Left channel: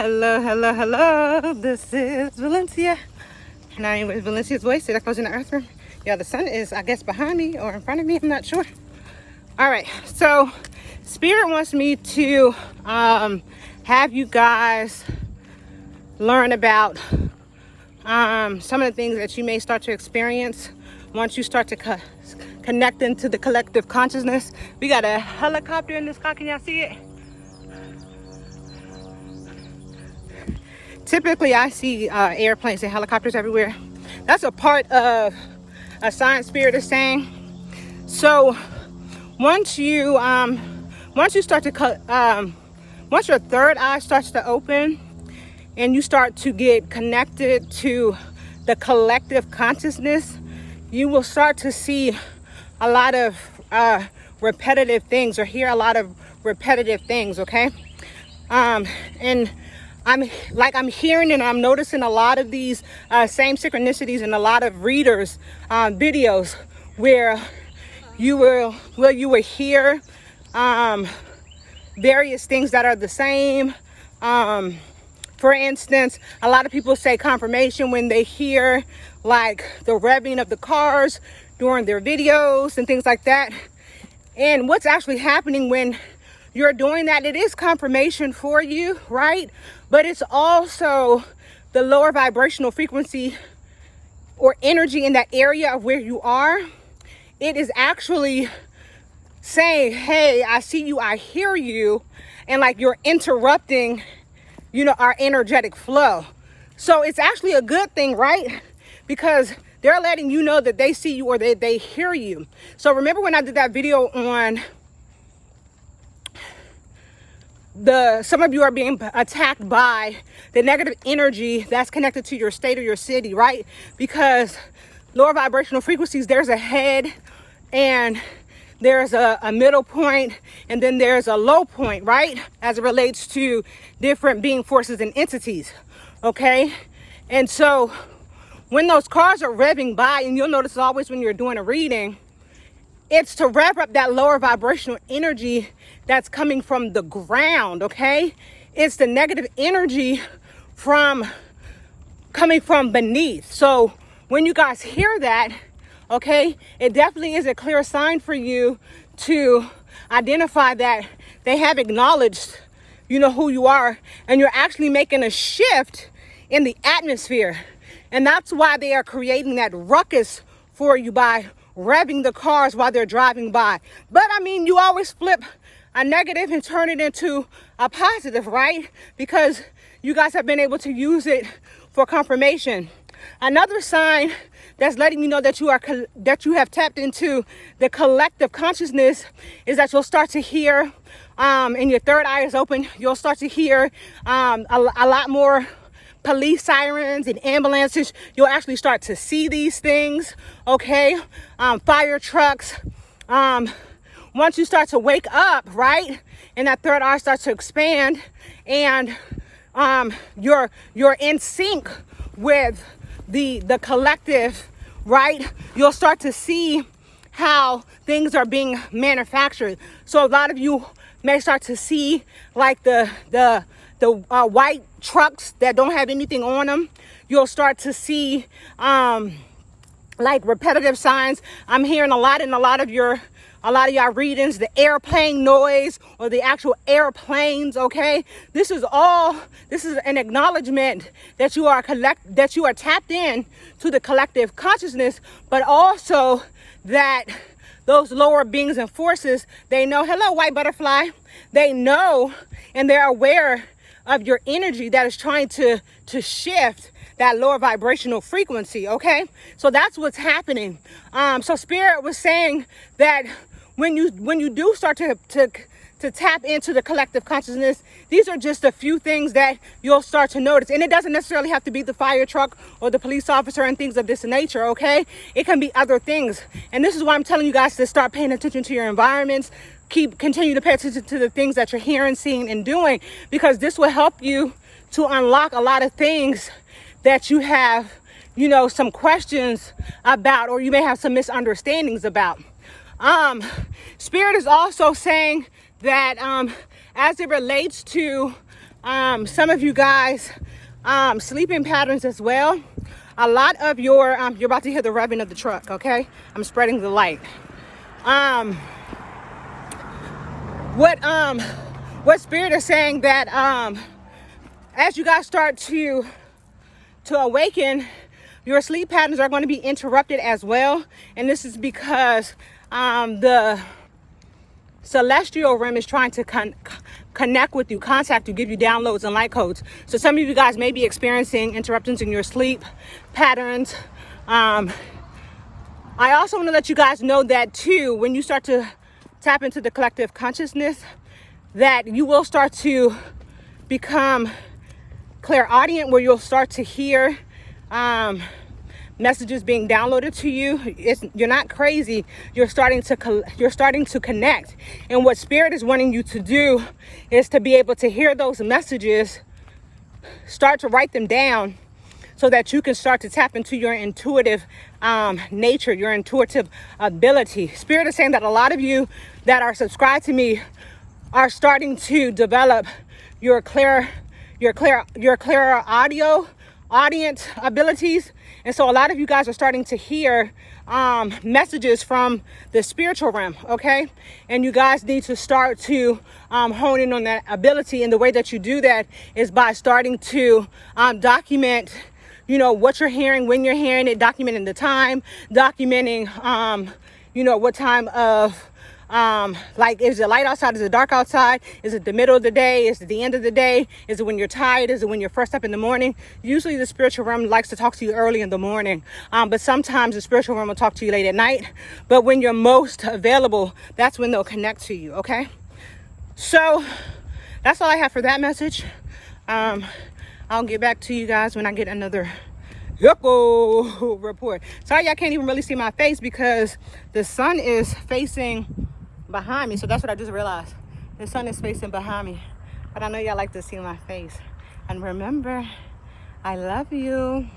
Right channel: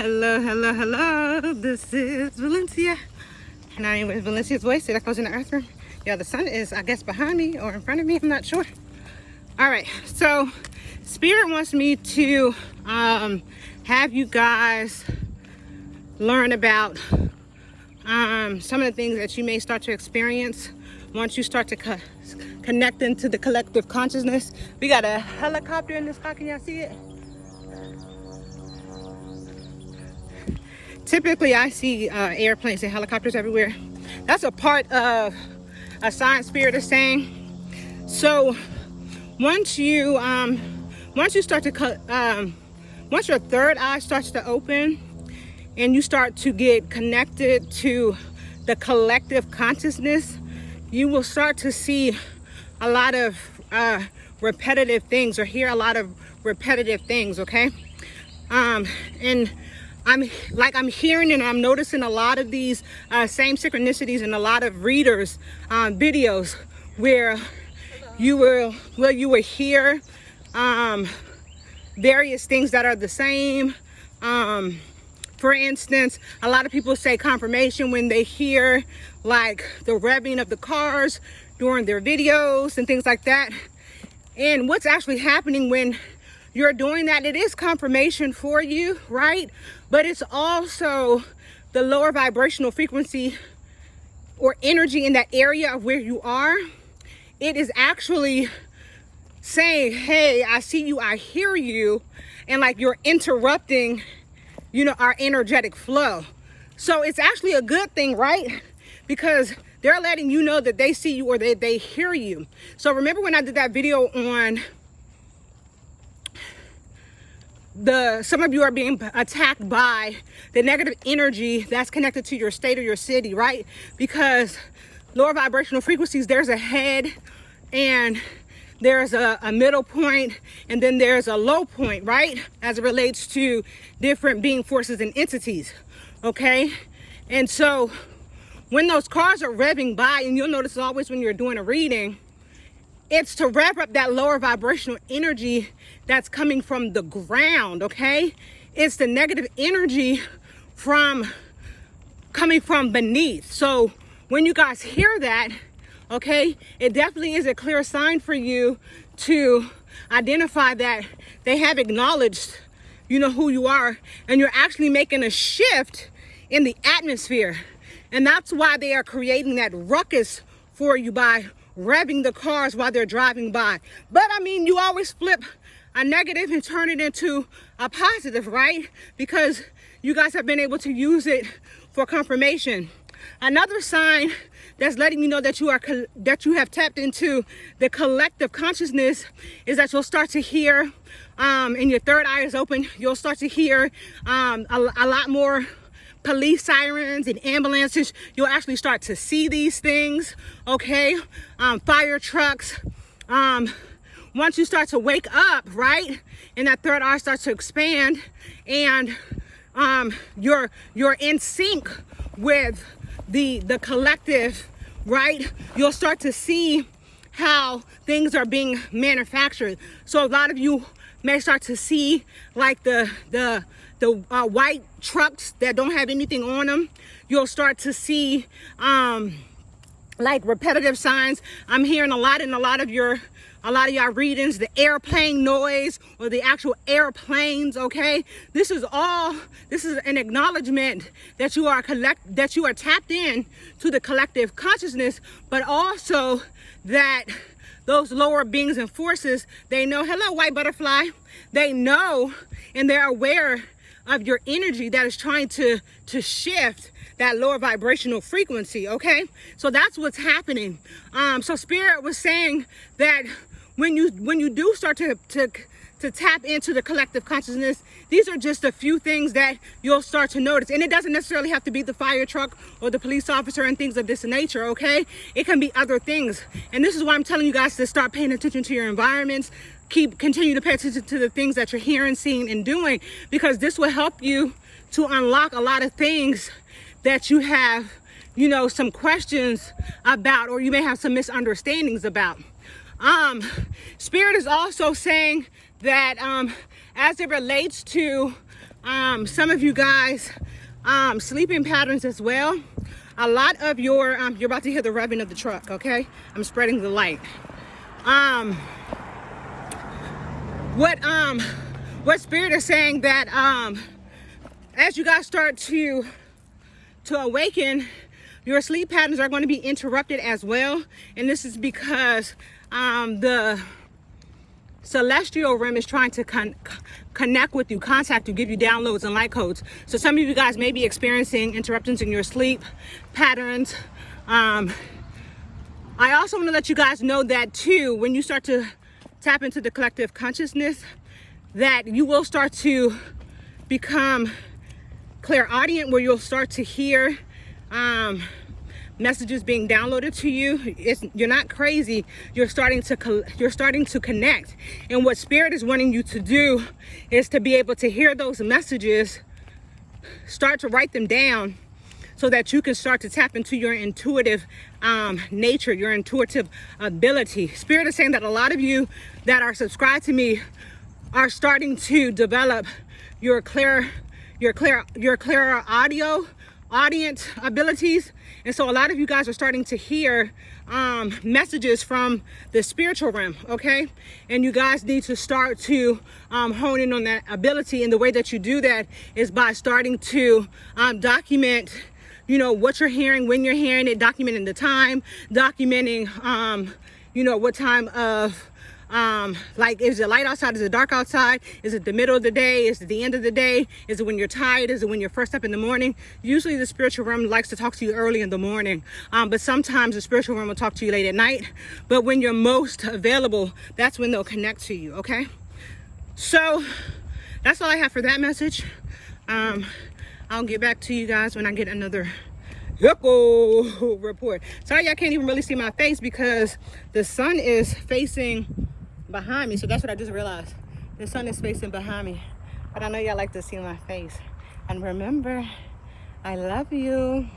Hello, hello, hello. This is Valencia. And I am with Valencia's Voice. That goes in the earth. Yeah, the sun is, I guess, behind me or in front of me. I'm not sure. All right. So, Spirit wants me to have you guys learn about some of the things that you may start to experience once you start to connect into the collective consciousness. We got a helicopter in the sky. Can y'all see it? Typically, I see airplanes and helicopters everywhere. That's a part of a sign Spirit is saying. So once you start to once your third eye starts to open and you start to get connected to the collective consciousness, you will start to see a lot of repetitive things or hear a lot of repetitive things. Okay, and I'm hearing and I'm noticing a lot of these same synchronicities in a lot of readers' videos where you will hear various things that are the same. For instance, a lot of people say confirmation when they hear like the revving of the cars during their videos and things like that. And what's actually happening when you're doing that, it is confirmation for you, right? But it's also the lower vibrational frequency or energy in that area of where you are. It is actually saying, hey, I see you, I hear you, and like you're interrupting, our energetic flow. So it's actually a good thing, right? Because they're letting you know that they see you or they hear you. So remember when I did that video on some of you are being attacked by the negative energy that's connected to your state or your city, right? Because lower vibrational frequencies, there's a head and there's a middle point and then there's a low point, right? As it relates to different being forces and entities, okay? And so when those cars are revving by, and you'll notice always when you're doing a reading, it's to rev up that lower vibrational energy that's coming from the ground, okay? It's the negative energy coming from beneath. So when you guys hear that, okay, it definitely is a clear sign for you to identify that they have acknowledged, who you are, and you're actually making a shift in the atmosphere. And that's why they are creating that ruckus for you by revving the cars while they're driving by. But I mean, you always flip a negative and turn it into a positive, right? Because you guys have been able to use it for confirmation. Another sign that's letting you know that you have tapped into the collective consciousness is that you'll start to hear, and your third eye is open, you'll start to hear a lot more police sirens and ambulances. You'll actually start to see these things, okay? Fire trucks. Once you start to wake up, right, and that third eye starts to expand, and you're in sync with the collective, right, you'll start to see how things are being manufactured. So a lot of you may start to see like the white trucks that don't have anything on them. You'll start to see like repetitive signs. I'm hearing a lot in a lot of y'all readings, the airplane noise or the actual airplanes, okay? This is an acknowledgement that you are tapped in to the collective consciousness, but also that those lower beings and forces, they know, hello, white butterfly, they know and they're aware of your energy that is trying to shift that lower vibrational frequency, okay? So that's what's happening. So Spirit was saying that when you do start to tap into the collective consciousness, these are just a few things that you'll start to notice. And it doesn't necessarily have to be the fire truck or the police officer and things of this nature, okay? It can be other things. And this is why I'm telling you guys to start paying attention to your environments. Continue to pay attention to the things that you're hearing, seeing, and doing, because this will help you to unlock a lot of things that you have, some questions about, or you may have some misunderstandings about. Spirit is also saying that as it relates to Some of you guys, sleeping patterns as well. A lot of your, you're about to hear the revving of the truck, okay? I'm spreading the light. What Spirit is saying that, as you guys start to awaken, your sleep patterns are going to be interrupted as well. And this is because, the celestial realm is trying to connect with you, contact you, give you downloads and light codes. So some of you guys may be experiencing interruptions in your sleep patterns. I also want to let you guys know that too, when you start to tap into the collective consciousness, that you will start to become clairaudient, where you'll start to hear messages being downloaded to you. You're not crazy. You're starting to connect. And what Spirit is wanting you to do is to be able to hear those messages, start to write them down, so that you can start to tap into your intuitive nature, your intuitive ability. Spirit is saying that a lot of you that are subscribed to me are starting to develop your clear audience abilities. And so a lot of you guys are starting to hear messages from the spiritual realm, okay? And you guys need to start to hone in on that ability. And the way that you do that is by starting to document, you know, what you're hearing, when you're hearing it, documenting the time, documenting, you know, what time of, like, is it light outside? Is it dark outside? Is it the middle of the day? Is it the end of the day? Is it when you're tired? Is it when you're first up in the morning? Usually the spiritual realm likes to talk to you early in the morning. But sometimes the spiritual realm will talk to you late at night. But when you're most available, that's when they'll connect to you, okay? So that's all I have for that message. I'll get back to you guys when I get another report. Sorry, y'all can't even really see my face because the sun is facing behind me. So that's what I just realized. The sun is facing behind me. But I know y'all like to see my face. And remember, I love you.